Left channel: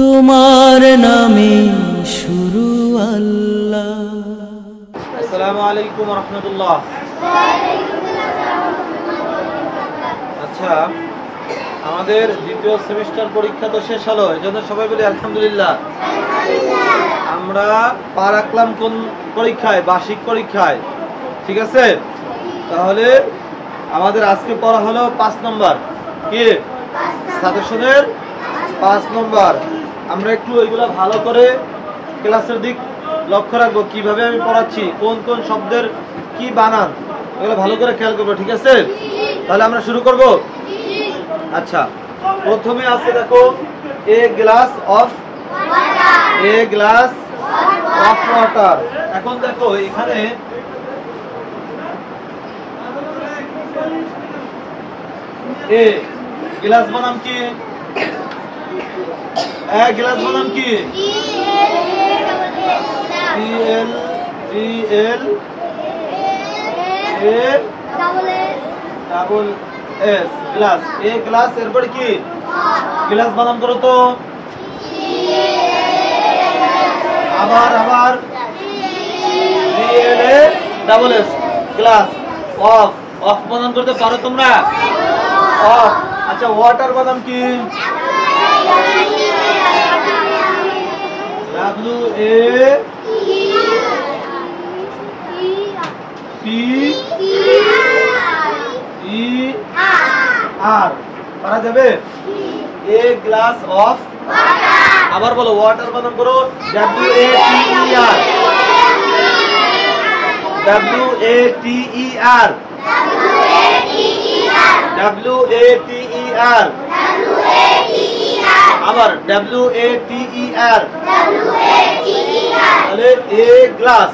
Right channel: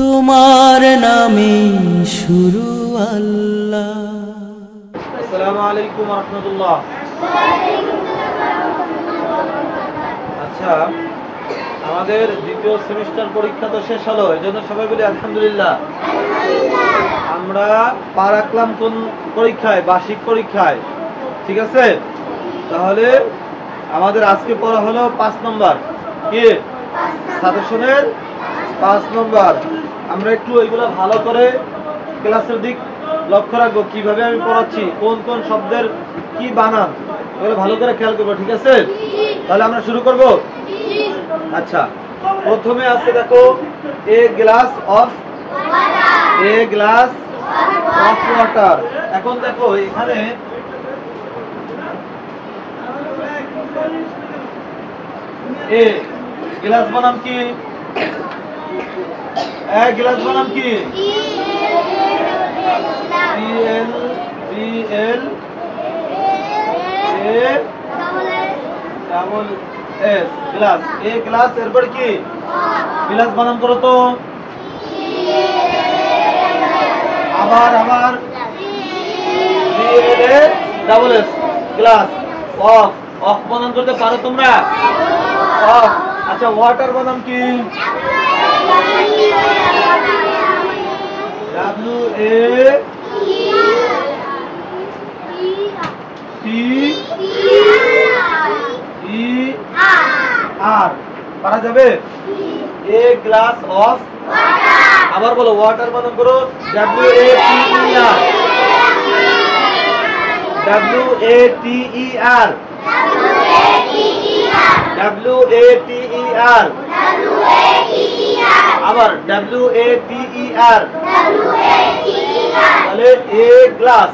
তোমার নামে শুরু আল্লাহ। আসসালামু আলাইকুম ওয়া রাহমাতুল্লাহ। আচ্ছা, আমাদের দ্বিতীয় সেমিস্টার পরীক্ষা তো শেষ হলো, এজন্য সবাই বলি আলহামদুলিল্লাহ। আমরা পা রাখলাম কোন পরীক্ষায়? বার্ষিক পরীক্ষায়। ঠিক আছে, তাহলে আমাদের আজকে পড়া হলো 5 নম্বর। কি সাজেশনের 5 নম্বর। আমরা একটু এইগুলা ভালো করে ক্লাসের দিক লক্ষ্য রাখবো, কিভাবে আমি পড়াচ্ছি, কোন কোন শব্দের কি বানান, এগুলো ভালো করে খেয়াল করবো। ঠিক আছে, তাহলে আমরা শুরু করব। আচ্ছা, প্রথমে আছে দেখো এ গ্লাস অফ ওয়াটার। এখন দেখো এখানে এ গ্লাস বানাম কি? এ গ্লাস বানাম কি? EL A double S glass. A glass, এরপরে কি? গ্লাস বানান করো তো। আবার EL A double S glass. Of বানান করতে পারো তোমরা? অফ। আচ্ছা, ওয়াটার বানান কি? WATER পারা যাবে? A glass of. আবার বলো, ওয়াটার বানান করো। WATER আবার WATER। তাহলে এ গ্লাস,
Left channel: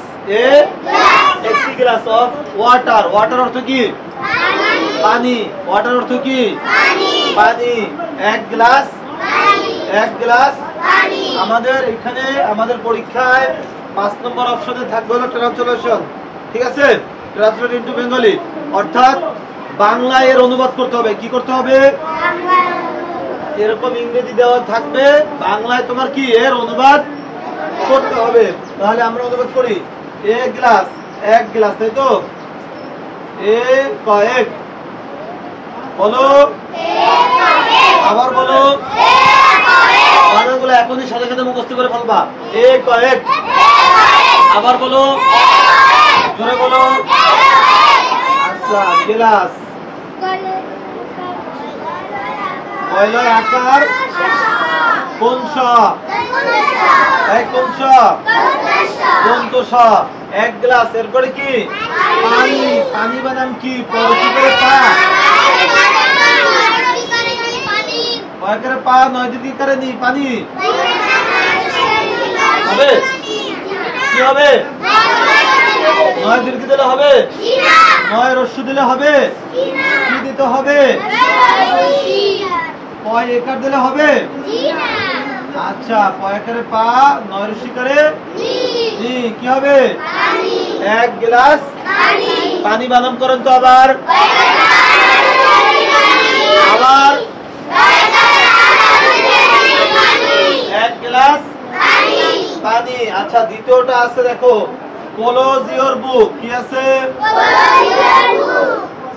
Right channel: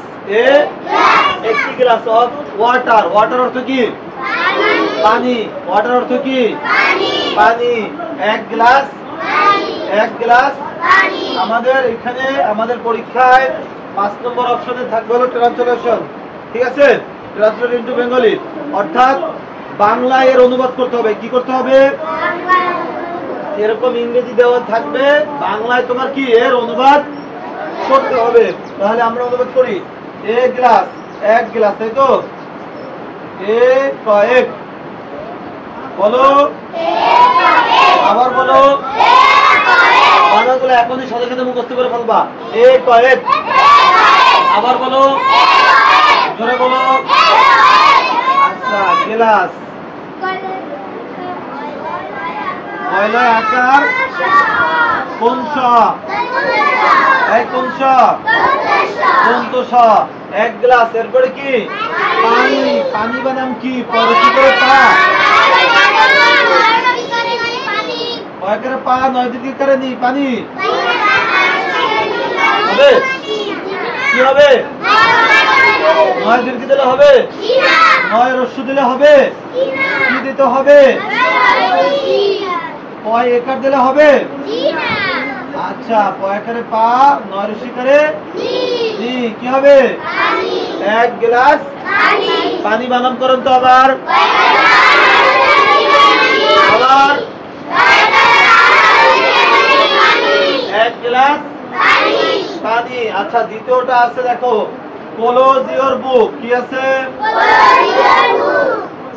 একটি গ্লাস অফ ওয়াটার। ওয়াটার অর্থ কি? পানি। ওয়াটার অর্থ কি? পানি। এক গ্লাস আমাদের এখানে আমাদের পরীক্ষায় 5 নম্বর অপশনে থাকবে হলো ট্রান্সলেশন। ঠিক আছে, ট্রান্সলেট ইনটু বেঙ্গলি, অর্থাৎ বাংলায় এর অনুবাদ করতে হবে। কি করতে হবে? এরকম ইংরেজি দেওয়া থাকবে, বাংলায় তোমার কি এর অনুবাদ করতে হবে। তাহলে আমরা অনুবাদ করি। এ গ্লাস, এক গ্লাস, তাই তো? এ কয়েক, বলো। আবার বলো। বানানগুলো এখনই সাথে সাথে মুখস্থ করে ফেলবা। এ কয়েক। আবার বলো, জোরে বলো। আচ্ছা, গ্লাস, কয়লার আকার কোন স? কোন স? দন্ত স। এক গ্লাস, এরপরে কি? পানি। পানি বানাম কি? পরে কি করে? পা। কয় করে পা? 9 দিকে করে নি। পানি হবে? কি হবে? 9 দীর্ঘ দিলে হবে? 9 রস্য দিলে হবে? কি দিতে হবে? পয় একার দিলে হবে? আচ্ছা, পয় করে পা, 9 রস্যি করে নি, কি হবে? এক গ্লাস পানি বানাম করেন তো। আবার এক গ্লাস পানি। আচ্ছা, দ্বিতীয়টা আছে দেখো, ক্লোজ ইওর বুক। কি আছে?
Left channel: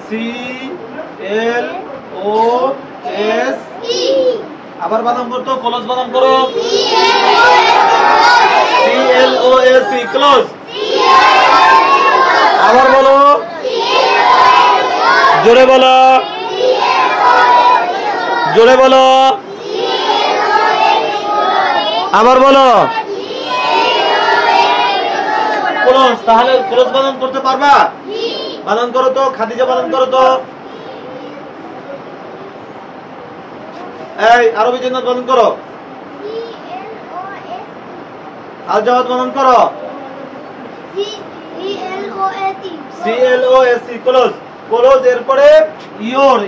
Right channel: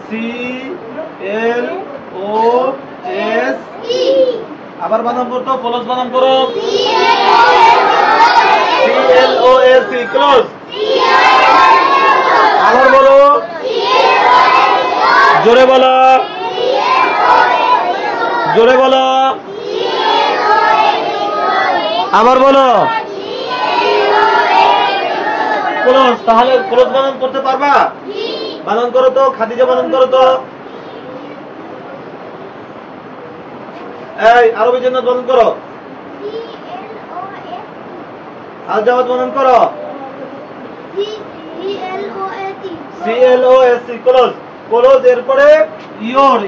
CLOS। আবার বানাম করতো, ক্লোজ বানাম করো। CLOS, close. আবার বলো, জোরে বলো, জোরে বলো। আবার বলো, ক্লোজ। তাহলে ক্লোজ বানান করতে পারবা? বানান করো তো, খাদিজা বানান করো তো। এই আরবি জান্নাত বানান করো। আল জাওয়াদ বানান করো। CLOS, close. ক্লোজ, এরপরে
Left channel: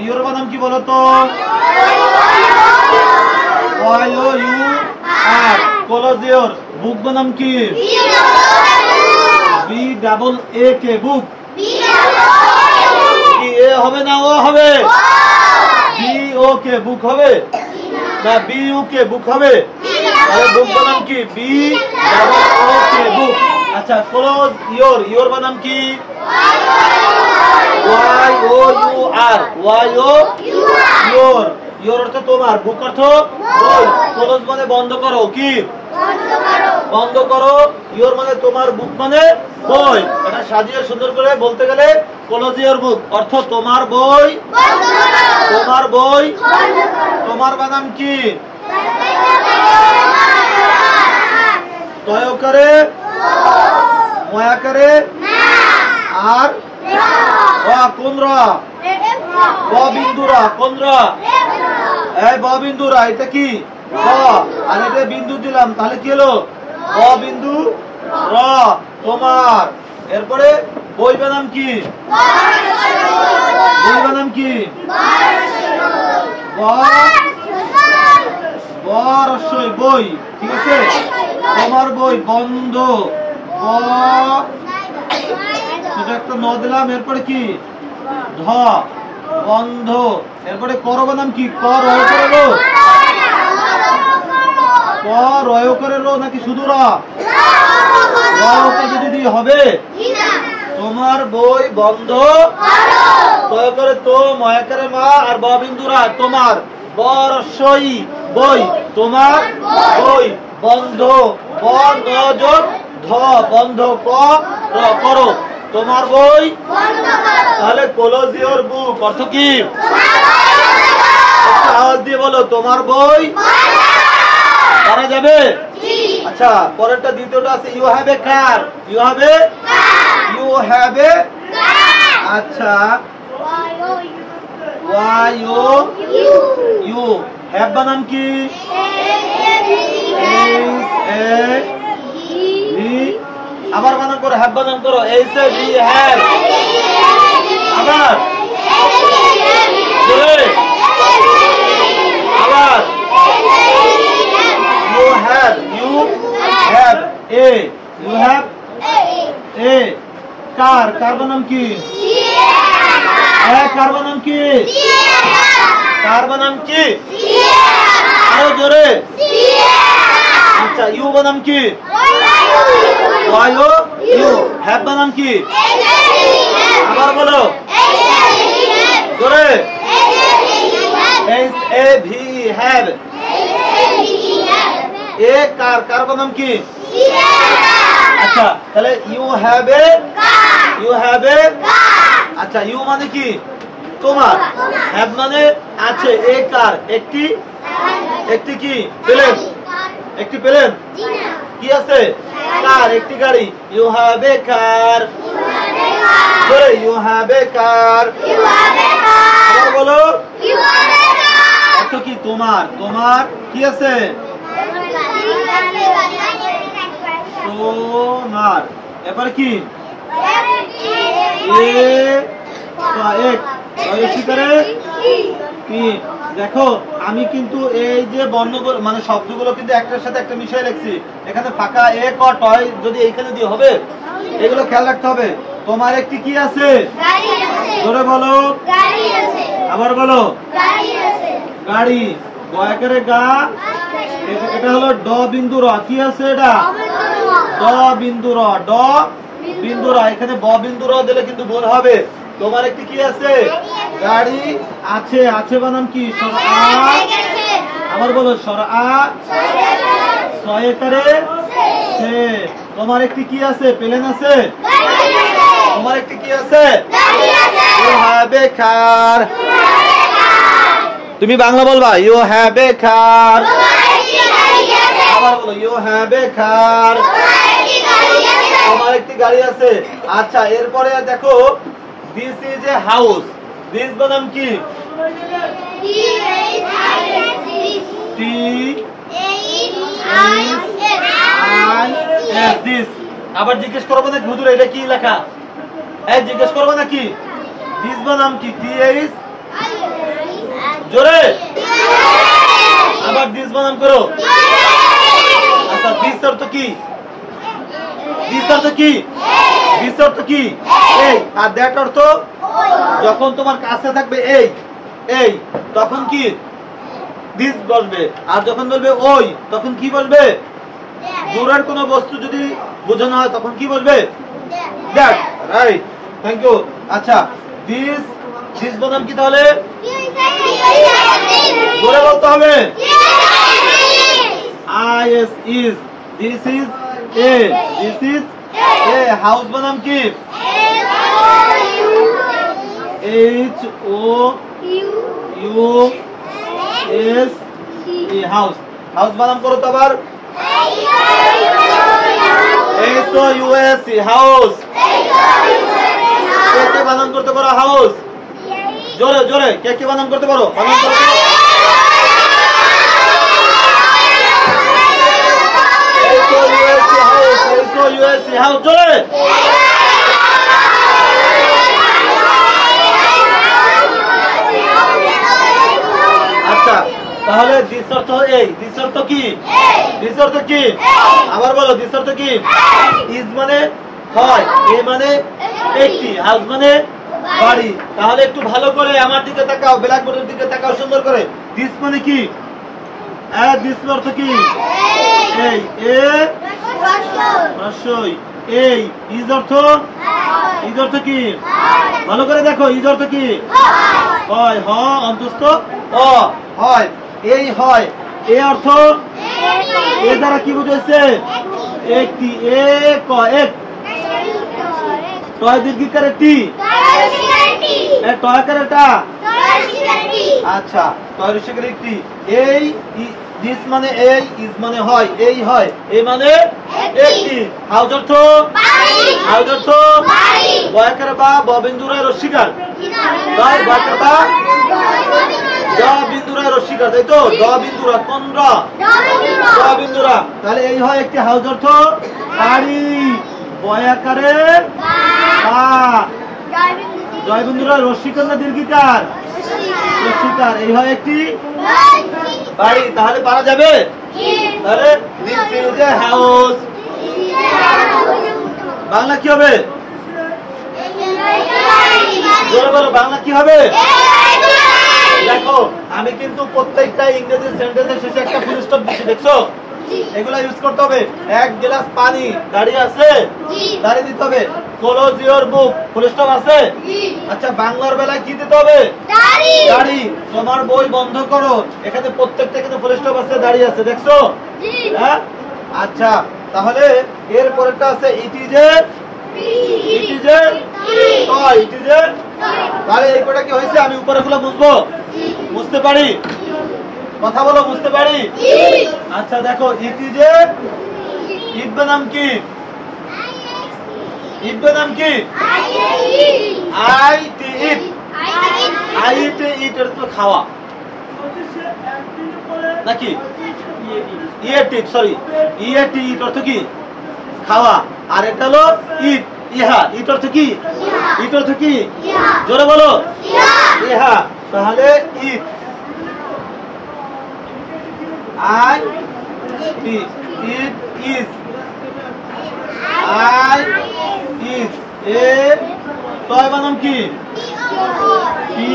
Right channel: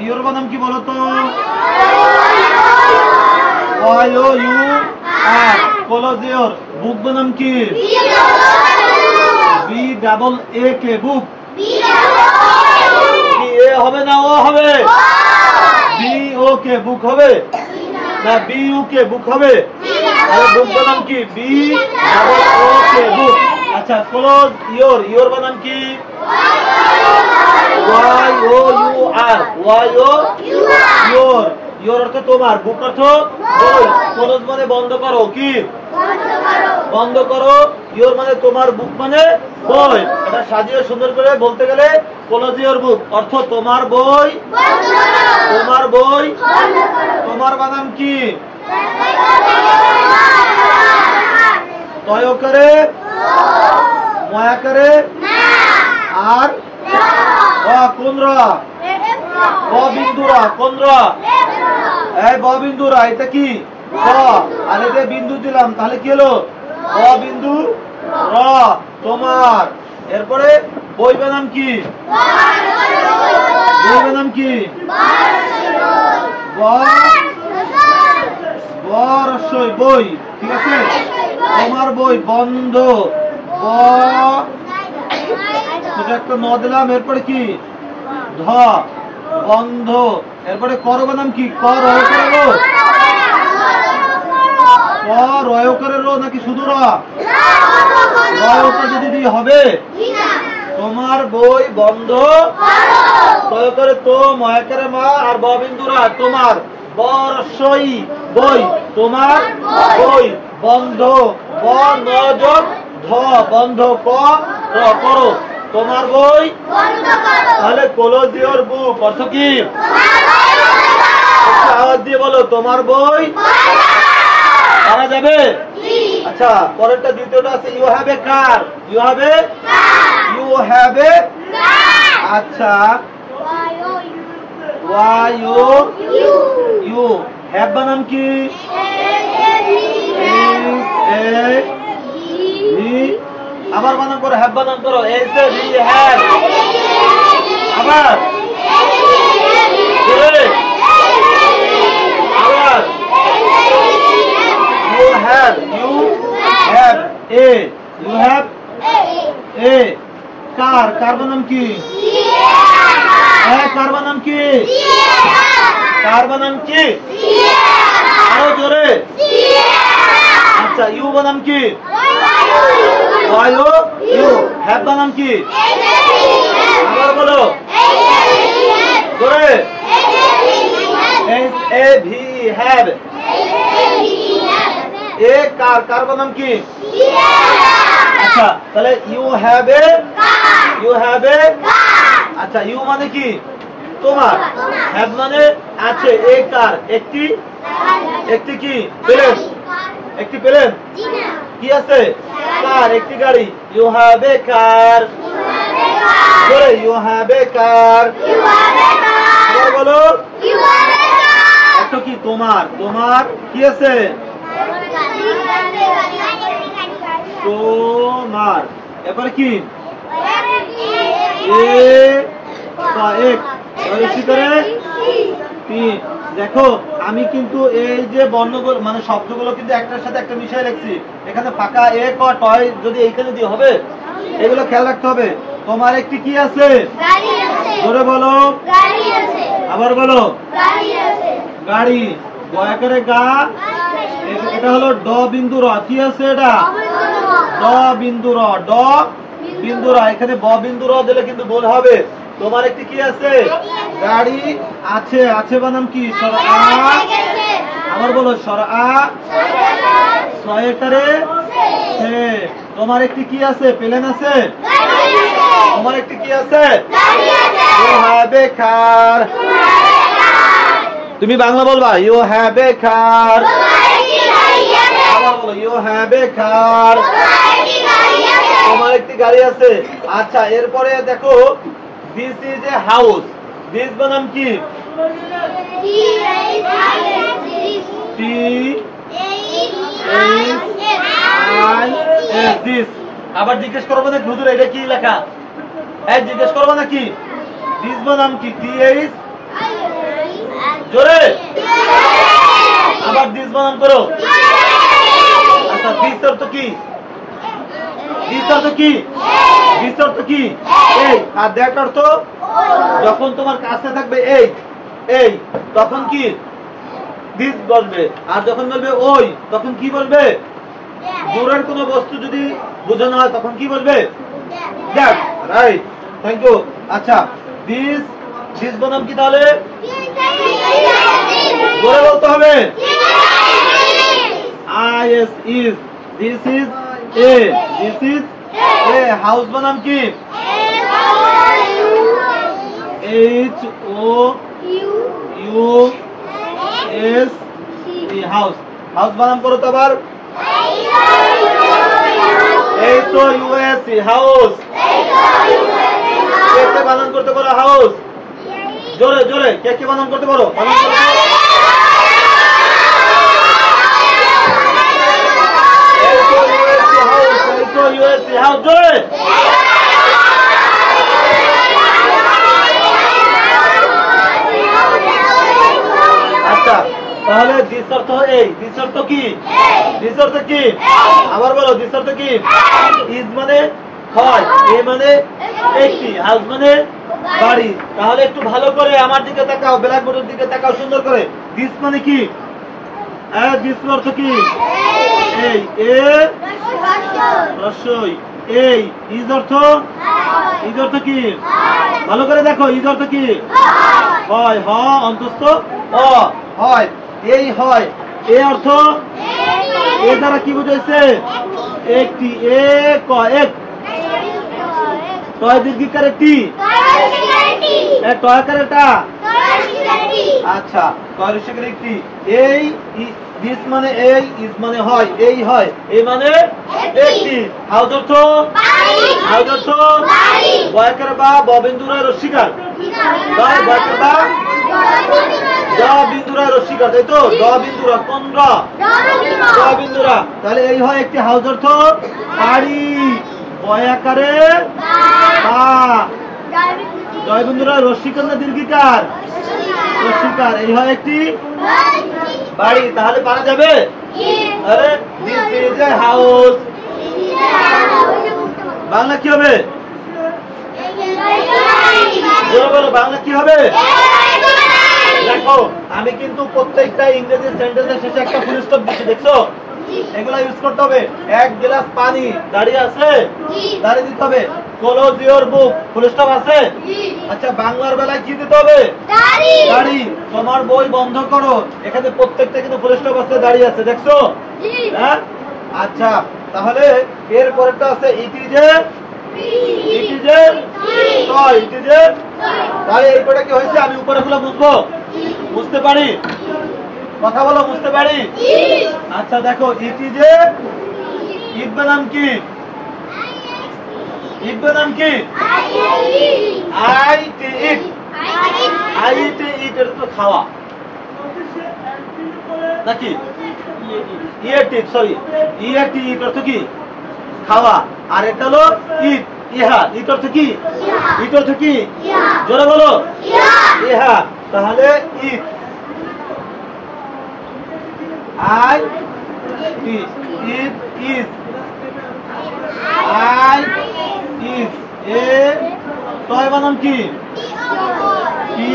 ইওর বানান কি বলো তো? YOUR। Close your. বুক বানাম কি? BAA, বুক। কি এ হবে না ও হবে? BO, বুক হবে না? BU, বুক হবে? তাহলে বুক বানাম কি? B double O K, book. আচ্ছা, ক্লোজ ইয়োর, ইয়োর বানাম কি? Y O U R, Y O your, your অর্থ তোমার, বুক অর্থ বই, ক্লোজ মানে বন্ধ করো, কি বন্ধ করো, ইয়োর মানে তোমার, বুক মানে বই। এটা সাজিয়ে সুন্দর করে বলতে গেলে ক্লোজ ইয়োর বুক অর্থ তোমার বই, তোমার বই। তোমার বানাম কি? তয় করে, ময়া করে, আর কোন র? ব বিন্দুরা, কোন র? এই ব বিন্দুরা, এটা কি? ব, আর এটা বিন্দু দিলাম, তাহলে কি হলো? ব বিন্দু র, তোমার। এরপরে বই বানাম কি? বই বানাম কি? বরসই, বই, ঠিক আছে। তোমার বই, বন্ধ, ব ছোট একটা ন দিলাম, এরপরে কি? ধ, বন্ধ। এরপরে কর বানাম কি? ক রয় করে লো, ক রয় করে লো নাকি শুধু র? রয় করে যদি হবে। তোমার বই বন্ধ, তয় করে তো, ময়া করে মা, আর ব বিন্দুরা, তোমার বরসই বই, তোমার বই বন্ধ, ব ন যোগ ধ, বন্ধ, ক র, করো, তোমার বই। তাহলে ক্লোজ ইয়োর বুক অর্থ কি? আওয়াজ দিয়ে বলো, তোমার বই। পারা যাবে? আচ্ছা, পরেরটা দ্বিতীয়টা আছে you have a car, you have a, you have a. আচ্ছা, ওয়াই ইউ ইউ, হ্যাভ বানাম কি? আবার বানান করো, হ্যাভ বানান করো, এইচ এ ভি, হ্যাভ। আবার আবার you have, you have a, you have a. Car, car বানাম কি? কার বানাম কি? কার বানাম কি? আরো জোরে। আচ্ছা, ইউ বানাম কি? YO you. হ্যাভ বানাম কি? আবার বলো জোরে। H A V, have. A car, car বানাম কি? আচ্ছা, তাহলে you have a, you have a. আচ্ছা, ইউ মানে কি? তোমার। হ্যাভ মানে আছে, এ কার, একটি, একটি কি? প্লেন, একটি প্লেন। কি আছে? কার, একটি গাড়ি। You have a car, you have a car. বলো এত কি? তোমার, তোমার কি আছে? তোমার। এবারে কি? দেখো, আমি কিন্তু এই যে বর্ণ মানে শব্দগুলো কিন্তু একটার সাথে একটা মিশিয়ে রাখছি। এখানে ফাঁকা এ ক টয় যদি এইখানে দিয়ে হবে, এগুলো খেয়াল রাখতে হবে। তোমার একটি কি আছে? ধরে বলো, আবার বলো, গাড়ি। গয়া করে গা, এটা হলো ড বিন্দু র, কি আছে এটা? ড বিন্দু র, ড বিন্দু র। এখানে ব বিন্দু র দিলে কিন্তু ভুল হবে। তোমার একটি কি আছে? গাড়ি আছে, আছে বানাম কি? সর আ। আবার বলো, সর আ, ছয় করে সে। তোমার একটি কি আছে? প্লেন আছে। তোমার একটি কি আছে? ইউ হ্যাভ এ কার। তুমি বাংলা বলবা, ইউ হ্যাভ এ কার। আবার বলো, ইউ হ্যাভ এ কার। তোমার একটি গাড়ি আছে। আচ্ছা, এরপরে দেখো, this is a house. This বানাম কি? দিস। আবার জিজ্ঞেস করবো না হুজুর এটা কি লেখা? জিজ্ঞেস করবো নাকি? দিস বানাম কি? টিএইচ, জোরে। আবার দিস বানান করো। আচ্ছা, দিস অর্থ কি? দিস অর্থ কি? দিস অর্থ কি? এই। আর দ্যাট অর্থ যখন তোমার কাছে থাকবে এই, এই, তখন কি? দিস বলবে। আর যখন বলবে ওই, তখন কি বলবে? দূরের কোনো বস্তু যদি বোঝানো হয় তখন কি বলবে? দ্যাট। Right, thank you. আচ্ছা, দিস দিস বানাম কি তাহলে? জোরে বলতে হবে। IS is, this is A, this is A। House বানাম কি? HOUS house. হাউস বানাম করো তো আবার। HOUS house. কে কে বানান করতে পারো হাউস? জোরে জোরে কে কে বানান করতে পারো? বানান করো। HOUS হাউস, জোরে। আচ্ছা, তাহলে দিস অর্থ এই, দিস অর্থ কি? দিস অর্থ কি? আবার বলো, দিস অর্থ কি? ইজ মানে হয়, এ মানে একটি, হাউস মানে বাড়ি। তাহলে একটু ভালো করে আমার দিকে তাকাও, ব্ল্যাকবোর্ডের দিকে তাকাও সুন্দর করে। দিস মানে কি? দিস অর্থ কি? এই, এ রস্যই, এই। ইজ অর্থ? ইজ অর্থ কি? ভালো করে দেখো, ইজ অর্থ কি? হয়, হ অন্তস্থ অ, হয়। এই হয়, এ অর্থ? এ দ্বারা কি বুঝাইছে? একটি, এক, এক। টয় দীর্ঘিকারে টি, টয়কারে টা। আচ্ছা, টয় রসিকারে টি। এই, দিস মানে এই, ইজ মানে হয়, এই হয়, এই মানে একটি। হাউস অর্থ? হাউস অর্থ? বয়কারে বা, বিন্দুরা রসিকার। বয়কারে বা, বিন্দুরা রসিকার, তাই তো? বিন্দুরা কোন? বিন্দুরা। তাহলে এই হয় একটি হাউস অর্থ বাড়ি। বয়াকারে বা, জয় বিন্দুরা রসিকার না দীর্ঘিকার? রসিকার। এই হয় একটি বাড়ি। তাহলে পারা যাবে? তাহলে this is a house. Bangla কি হবে? জোরে বলো, বাংলা কি হবে? দেখো, আমি কিন্তু প্রত্যেকটা ইংরেজি সেন্টেন্সের শেষে একটা ফুল স্টপ দিচ্ছি, দেখছো? এগুলা ইউজ করতে হবে। এক গ্লাস পানি, দাঁড়িয়ে আছে? দাঁড়িয়ে দিতে হবে। Close your book, full stop আছে? আচ্ছা, বাংলার বেলায় কি দিতে হবে? দাঁড়ি। তোমার বই বন্ধ করো, এখানে প্রত্যেকটা কিন্তু ফুল স্টপ আছে, দাঁড়িয়ে আছে, দেখছো? হ্যাঁ। আচ্ছা, তাহলে এর পরেরটা আছে it is a, it is a toy, it is a. তাহলে এই কটা কি হয়েছে? আমি উপরে গুলো বুঝবো, বুঝতে পারি? কথা বলো, বুঝতে পারি? আচ্ছা, দেখো, ইট ইজ এ, ইট বানাম কি? ইট বানাম কি? I T, it. I T, ইট এর তো খাওয়া নাকি? ইয়েটি, সরি, ইয়েটি, ইট অর্থ কি? খাওয়া। আর এটা হলো ইট, ইহা। ইট অর্থ কি? ইট অর্থ কি? জোরে বলো, ইহা। তাহলে it, I T, it is, I is. A toy বানাম কি? টি,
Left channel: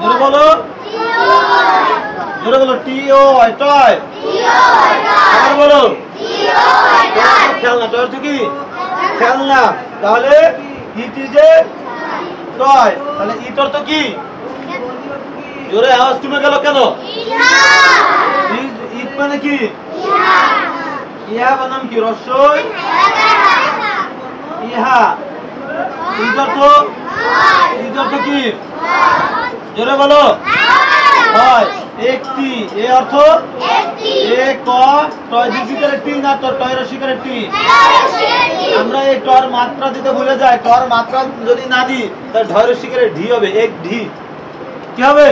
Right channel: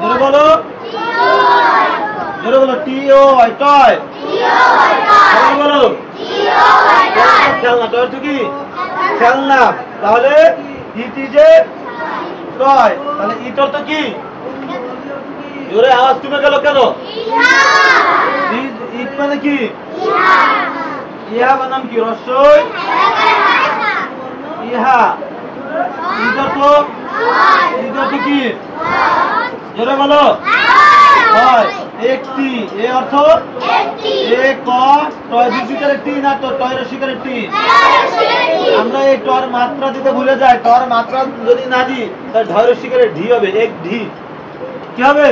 জোরে বলো, জোরে বলো, টি ও আই, টয়। আবার বলো, খেলনা। টয় অর্থ কি? খেলনা। তাহলে ইট ইজ এ টয়। তাহলে ইট অর্থ কি? জোরে আওয়াজ কমে গেল কেন? ইট মানে কি? ইহা বানাম কি? রস্যই, ইহা। ইজ অর্থ? ইজ অর্থ কি? জোরে বলো, হয়, একটি। এ অর্থ? এ ক, টয় দীর্ঘিকারে টি না তো টয় রসিকারে টি? আমরা এই টর মাত্রা দিতে ভুলে যাই। টর মাত্রা যদি না দিই তাহলে ঢয় রসিকারে ঢি হবে, এক ঢি। কি হবে?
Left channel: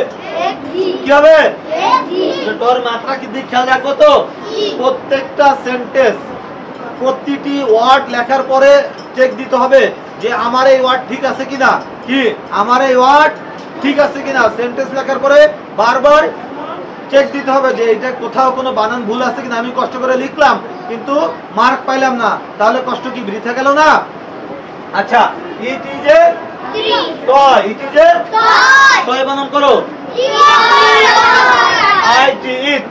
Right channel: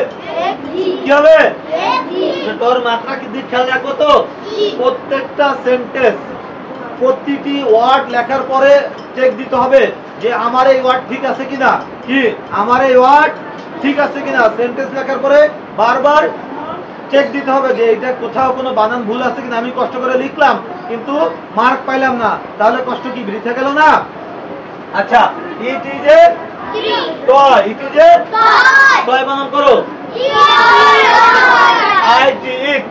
কি হবে? টর মাত্রা কি দিক খেয়াল রাখো তো। প্রত্যেকটা সেন্টেন্স, প্রতিটি ওয়ার্ড লেখার পরে চেক দিতে হবে যে আমার এই ওয়ার্ড ঠিক আছে কিনা। কি আমার এই ওয়ার্ড ঠিক আছে কিনা? সেন্টেন্স লেখার পরে বারবার চেক দিতে হবে যে এটা কোথাও কোনো বানান ভুল আছে কিনা। আমি কষ্ট করে লিখলাম কিন্তু মার্ক পাইলাম না, তাহলে কষ্ট কি বৃথা গেল না? আচ্ছা, it is a toy, it is a toy বানান করো। আইটি ইট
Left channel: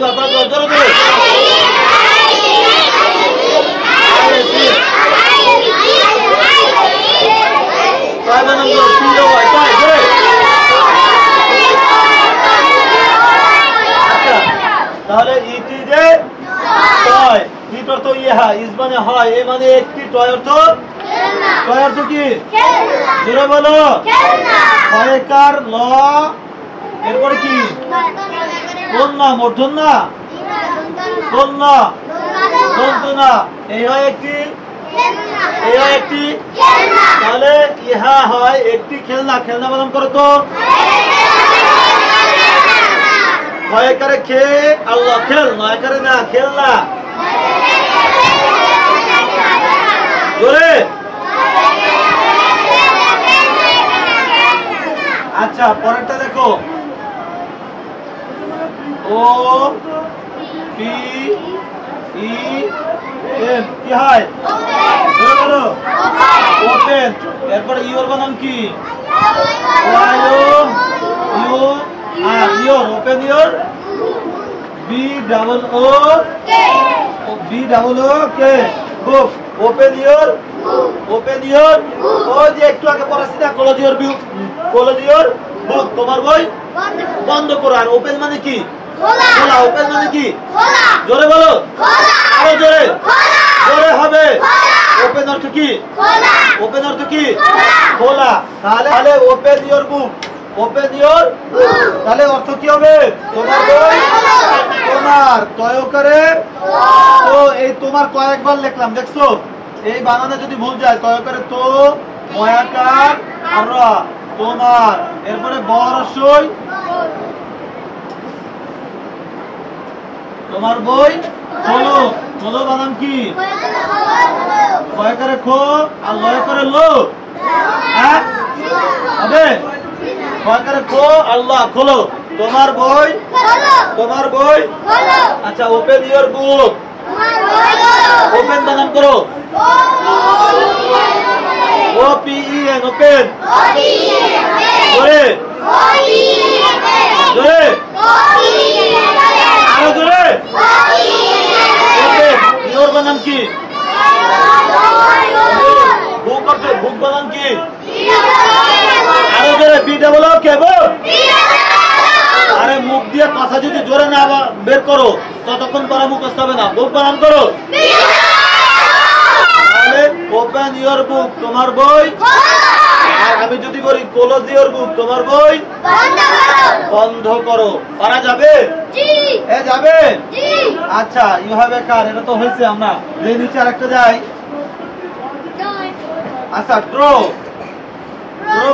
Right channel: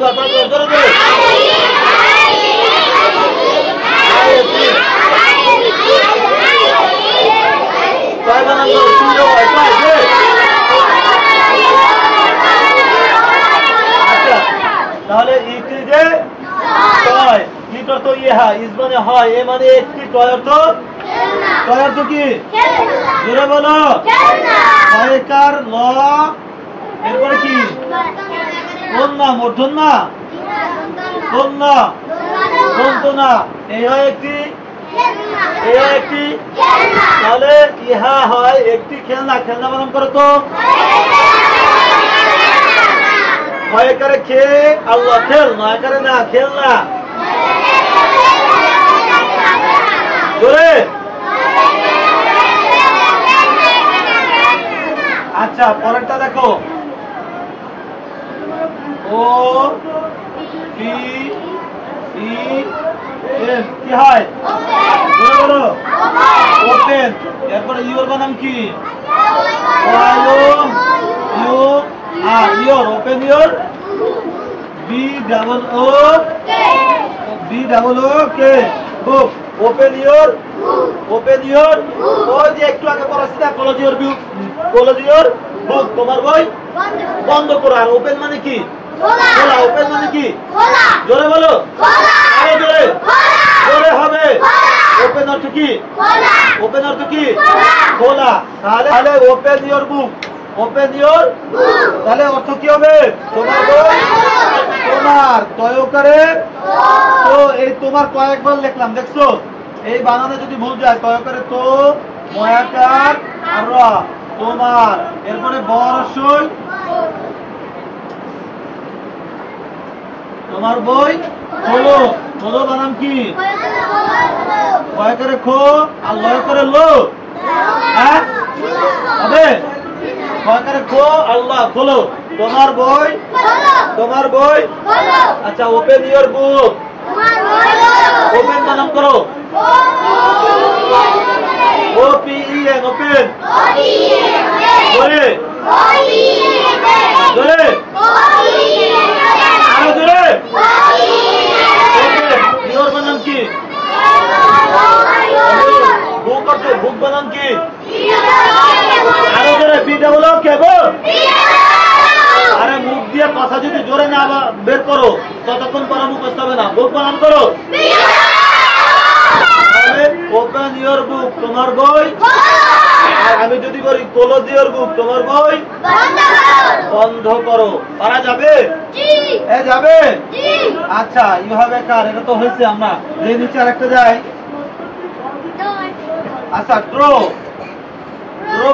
তারপর জোরে জোরে আইএসি কয় বানান করো তিনটা হয় কয় যে আচ্ছা তাহলে ইটি যে কয় ইট অর্থ ইহা ইস মানে হয় এ মানে একটি কয় অর্থ কি জোরে বলো কয়কার ল এরপরে কি কোন না মূর্ধন্য না কোন না দন্ত না এই হয় একটি তাহলে ইহা হয় একটি খেলনা খেলনা বানান করো তো কয়কারে খে আল্লাহ খেল নয়কারে না খেলনা জোরে আচ্ছা পরেরটা দেখো ও পি ই এন কি হয় বলো ওপেন এরপরে ইওর বানান কি U R your open your B double O K book open your ও যে একটু আগে পড়াচ্ছি না ক্লোজ ইওর বুক তোমার বই বন্ধ করো আর ওপেন মানে কি খোলা ওপেন মানে কি জোরে বলো আরো জোরে হবে ওপেন অর্থ কি খোলা তাহলে ওপেন ইওর বুক তাহলে অর্থ কি হবে তোমার বই তোমার তয়কারে তো এই তোমার কয়েকবার লিখলাম দেখছো এই বানানে যদি ভুল যায় তয়কারে তো ময়াকার আর তোমার এরপরে বরসই তোমার বই খোলো বানান কি কয়কারে খো আর লয় করে লো হ্যাঁ হবে কয়কারে খো আল্লাহ খোলো তোমার বই আচ্ছা ওপেন ইওর বুক ওপেন বানান করো O P E N open জোরে আরো জোরে ইওর বানান কি বুক বানান কি আরো জোরে বিটা বলো কেবো আরে মুখ দিয়ে কথা যদি জোরে না বের করো ততক্ষণ পরে মুখস্থ হবে না বুক বানান করো ওপেন ইওর বুক তোমার বই আর আমি যদি বলি ক্লোজ ইওর বুক তোমার বই বন্ধ করো পারা যাবে যাবে আচ্ছা ইউ হ্যাভ এ কার এটা তো হয়েছে আমরা যে নিচে আরেকটা যাই আচ্ছা ড্র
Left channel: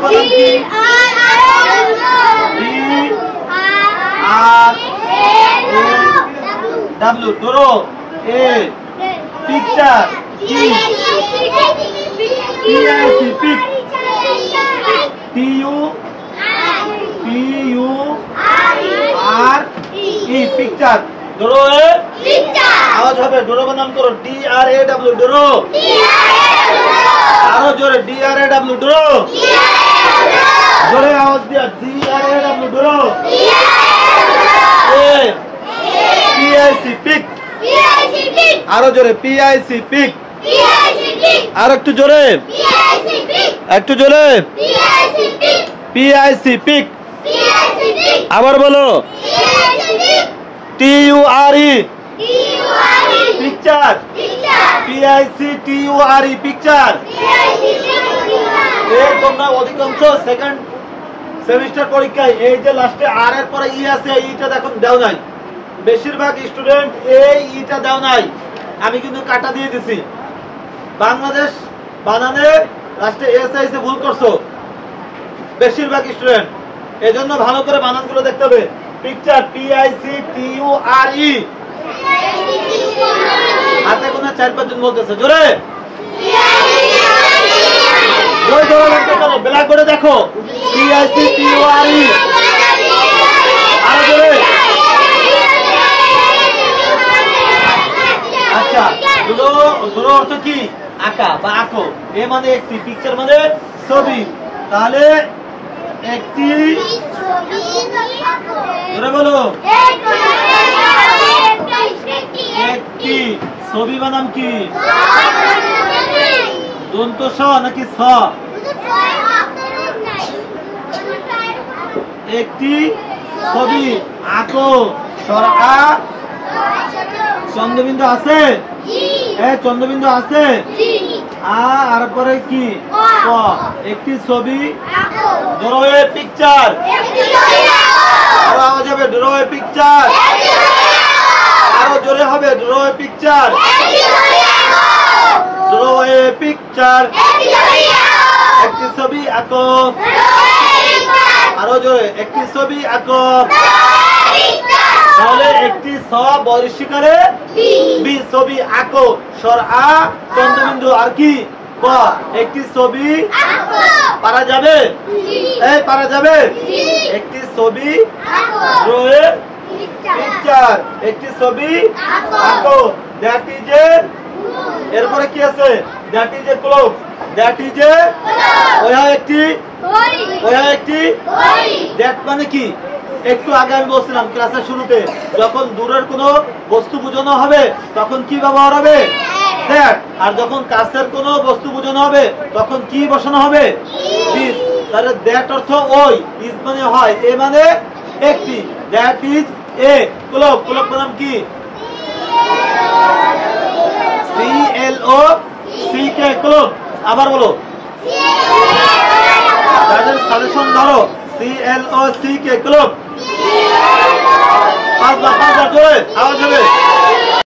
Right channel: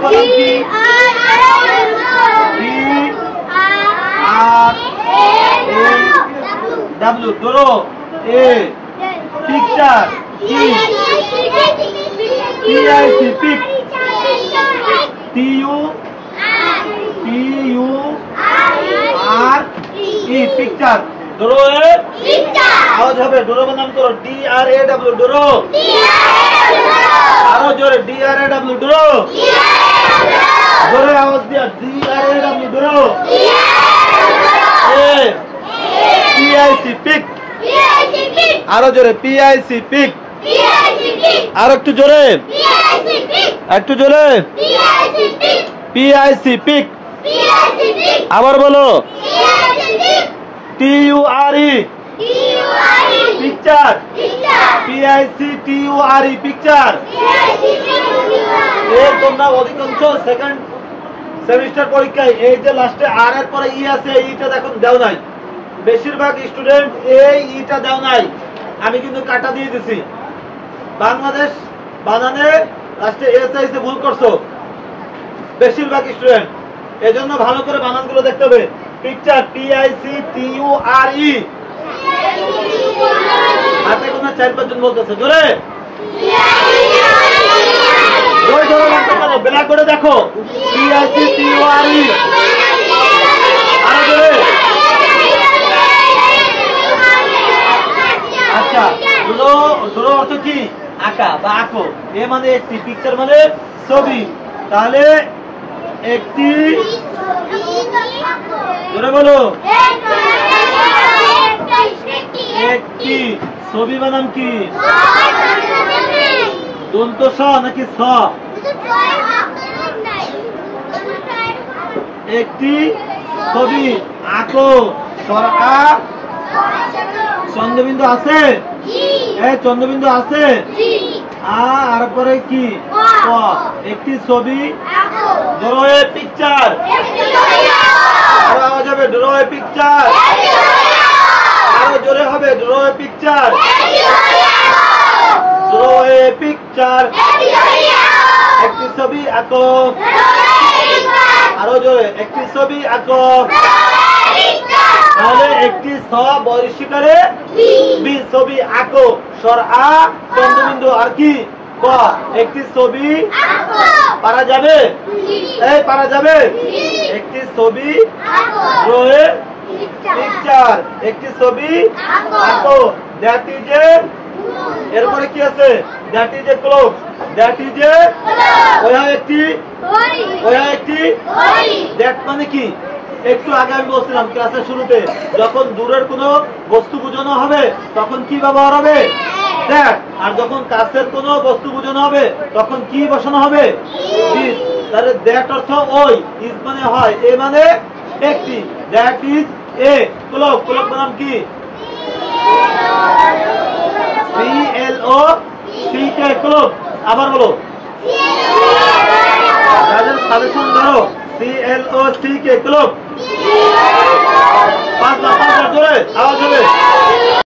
বানান কি ডাব্লিউ ড্র এ পিকচার কি P I C pic T U R E picture draw a আওয়াজ হবে ড্র বানান করো DRAW ড্র আরো জোরে DRAW ড্র জোরে আওয়াজ দিয়া DRAW draw a P I C pic আরো জোরে পিআইসি পিক আর একটু জোরে পিআইসি পিক আবার বলো TURE পিকচার PICTURE পিকচার এই তোমরা অধিকাংশ সেকেন্ড সেমিস্টার পরীক্ষায় এই যে লাস্টে আর এর পরে ই আছে এইটা দেখুন দাও নাই বেশিরভাগ স্টুডেন্ট এই ইটা দাও নাই আমি কিন্তু কাটা দিয়ে দিছি বাংলাদেশ বানানে লাস্টে এস আইছে ভুল করছো বেশিরভাগ স্টুডেন্ট এজন্য ভালো করে বানানগুলো দেখতে হবে পিকচার PICTURE হাতে কোন 4-5 জন বলতেছে জোরে ওই জোরে লাগবে কেন ব্ল্যাক বোর্ডে দেখো PICTURE আরো জোরে আচ্ছা ড্র অর্থ কি আঁকা বা আঁকো এ মানে একটি পিকচার মানে ছবি তাহলে একটি জোরে বলো একটি ছবি বানাম কি দন্ত স নাকি স একটি ছবি আঁকো সরকা চন্দ্রবিন্দু আছে চন্দ্রবিন্দু আছে আর পরে কি ক একটি ছবি ড্র এ পিকচার আরো আওয়াজ হবে ড্র এ পিকচার আরো জোরে হবে draw a picture draw a picture একটি ছবি আঁকো আরো জোরে একটি ছবি আঁকো তাহলে একটি স বর্ষিকারে বি ছবি আঁকো সর আ চন্দ্রবিন্দু আর কি ক একটি ছবি পারা যাবে এই পারা যাবে একটি ছবি ড্রয়ে পিকচার একটি ছবি আঁকো দ্যাট ইজ এ এরপরে কি আছে that is a cloak that is a ওয়া একটি দ্যাট মানে কি একটু আগে আমি বলছিলাম ক্লাসের শুরুতে যখন দূরের কোনো বস্তু বোঝানো হবে তখন কি ব্যবহার হবে দ্যাট আর যখন কাছের কোনো বস্তু বোঝানো হবে তখন কি বসানো হবে দিস তাহলে দ্যাট অর্থ ওই ইজ মানে হয় এ মানে একটি that is a cloak cloak নাম কি সি এল ও সি কে ক্লোক আবার বলো যাদের সাজেশন ধরো সি এল ও সি কে ক্লোক পাঁচবার জোরে আওয়াজ হবে